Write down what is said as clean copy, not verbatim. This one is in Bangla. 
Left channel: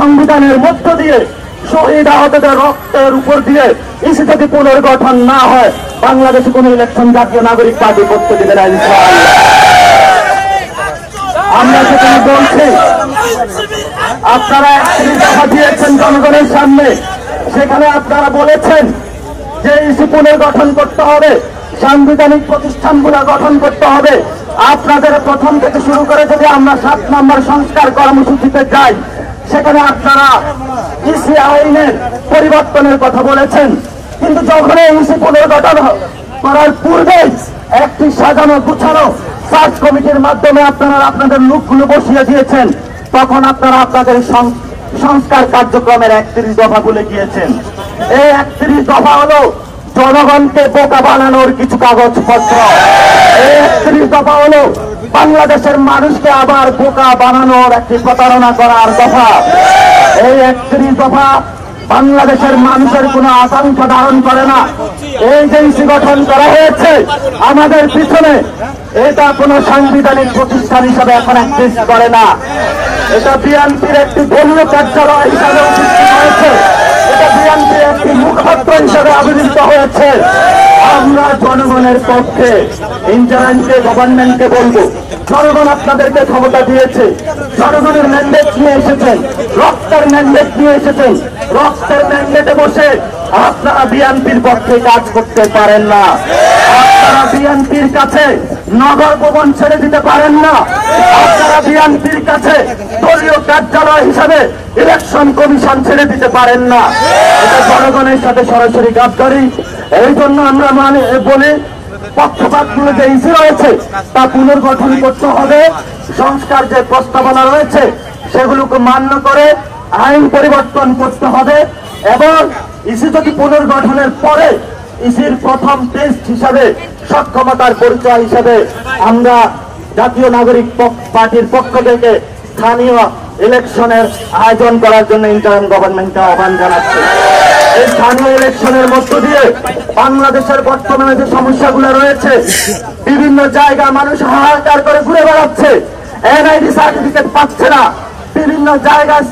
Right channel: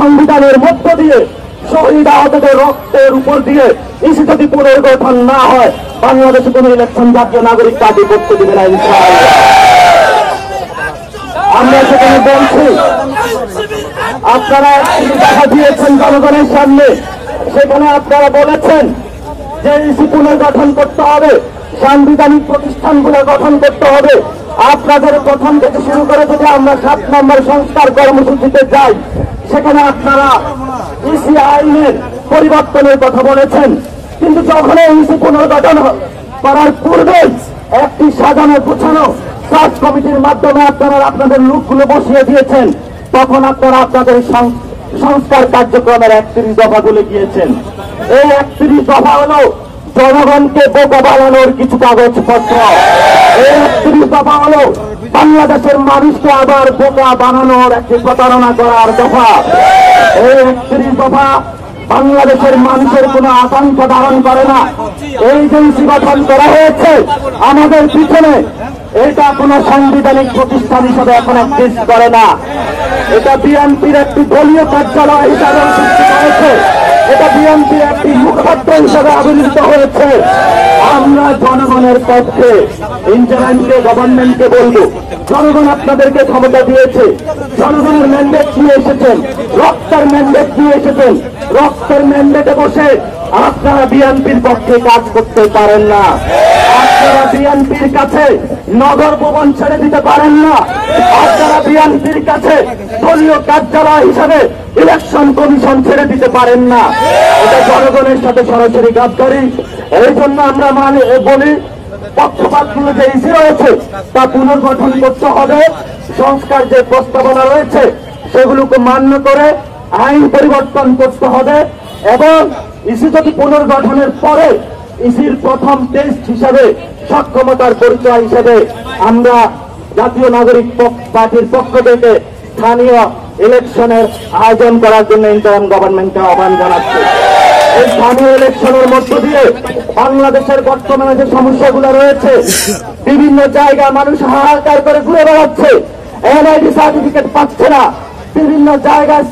সংবিধানের মধ্য দিয়ে শহীদ আহতদের রক্তের উপর দিয়ে ইসি যদি পুনর্গঠন না হয়, বাংলাদেশে কোন ইলেকশন জাতীয় নাগরিক পার্টি করতে দিবে না ইনশাআল্লাহ। আমরা সেখানে বলছি, আপনারা দিয়েছেন জনগণের সামনে, সেখানে আপনারা বলেছেন যে ইসি পুনর্গঠন করতে হবে, সাংবিধানিক প্রতিষ্ঠানগুলো গঠন করতে হবে। আপনাদের প্রথম থেকে শুরু করে যদি আমরা 7 নম্বর সংস্কার কর্মসূচিতে যাই, সেখানে আপনারা ইসি আইনের পরিবর্তনের কথা বলেছেন, কিন্তু যখন ইসি পুনর্গঠন করার পূর্বে একটি সাজানো গুছানো সার্চ কমিটির মাধ্যমে আপনারা আপনাদের লোকগুলো বসিয়ে দিয়েছেন, তখন আপনারা আপনাদের সংস্কার কার্যক্রমের 31 দফা বলে গিয়েছেন। এই 31 দফা হলো জনগণকে বোকা বানানোর কিছু কাগজপত্র। এই 31 দফা হলো বাংলাদেশের মানুষকে আবার বোকা বানানোর একটি প্রতারণা করার দফা। এই 31 দফা বাংলাদেশের মানুষের কোন আকাঙ্ক্ষা ধারণ করে না। এই যে ইসি গঠন করা হয়েছে আমাদের পিছনে, এটা কোন সাংবিধানিক প্রতিষ্ঠান হিসাবে এখন এক্সিস্ট করে না। এটা বিএনপির একটি দলীয় কার্যালয় হিসাবে হয়েছে, এটা বিএনপির একটি মুখপাত্র হিসাবে আবির্ভূত হয়েছে। আমরা জনগণের পক্ষে ইন্টারিমকে গভর্নমেন্টকে বলবো, জনগণ আপনাদেরকে ক্ষমতা দিয়েছে, জনগণের ম্যান্ডেট নিয়ে এসেছেন, রক্তের ম্যান্ডেট নিয়ে এসেছেন। রক্তের ম্যান্ডেটে বসে আপনারা বিএনপির পক্ষে কাজ করতে পারেন না। আপনারা বিএনপির কাছে নগর ভবন ছেড়ে দিতে পারেন না। আপনারা বিএনপির কাছে দলীয় কার্যালয় হিসাবে ইলেকশন কমিশন ছেড়ে দিতে পারেন না। এটা জনগণের সাথে সরাসরি গাদ্দারি। এই জন্য আমরা বলি, পক্ষপাতগুলো যে ইস্যু রয়েছে তা পুনর্গঠন করতে হবে। সংস্কার যে প্রস্তাবনা রয়েছে সেগুলোকে মান্য করে আইন পরিবর্তন করতে হবে, এবং ইসি যদি পুনর্গঠনের পরে ইসির প্রথম টেস্ট হিসাবে সক্ষমতার পরিচয় হিসেবে আমরা জাতীয় নাগরিক পার্টির পক্ষ থেকে স্থানীয় ইলেকশনের আয়োজন করার জন্য ইন্টারিম গভর্নমেন্টকে আহ্বান জানাচ্ছি। এই স্থানীয় ইলেকশনের মধ্য দিয়ে বাংলাদেশের বর্তমানে যে সমস্যাগুলো রয়েছে, বিভিন্ন জায়গায় মানুষ হাহাকার করে ঘুরে বেড়াচ্ছে, এনআইডি সার্টিফিকেট পাচ্ছে না, বিভিন্ন জায়গায়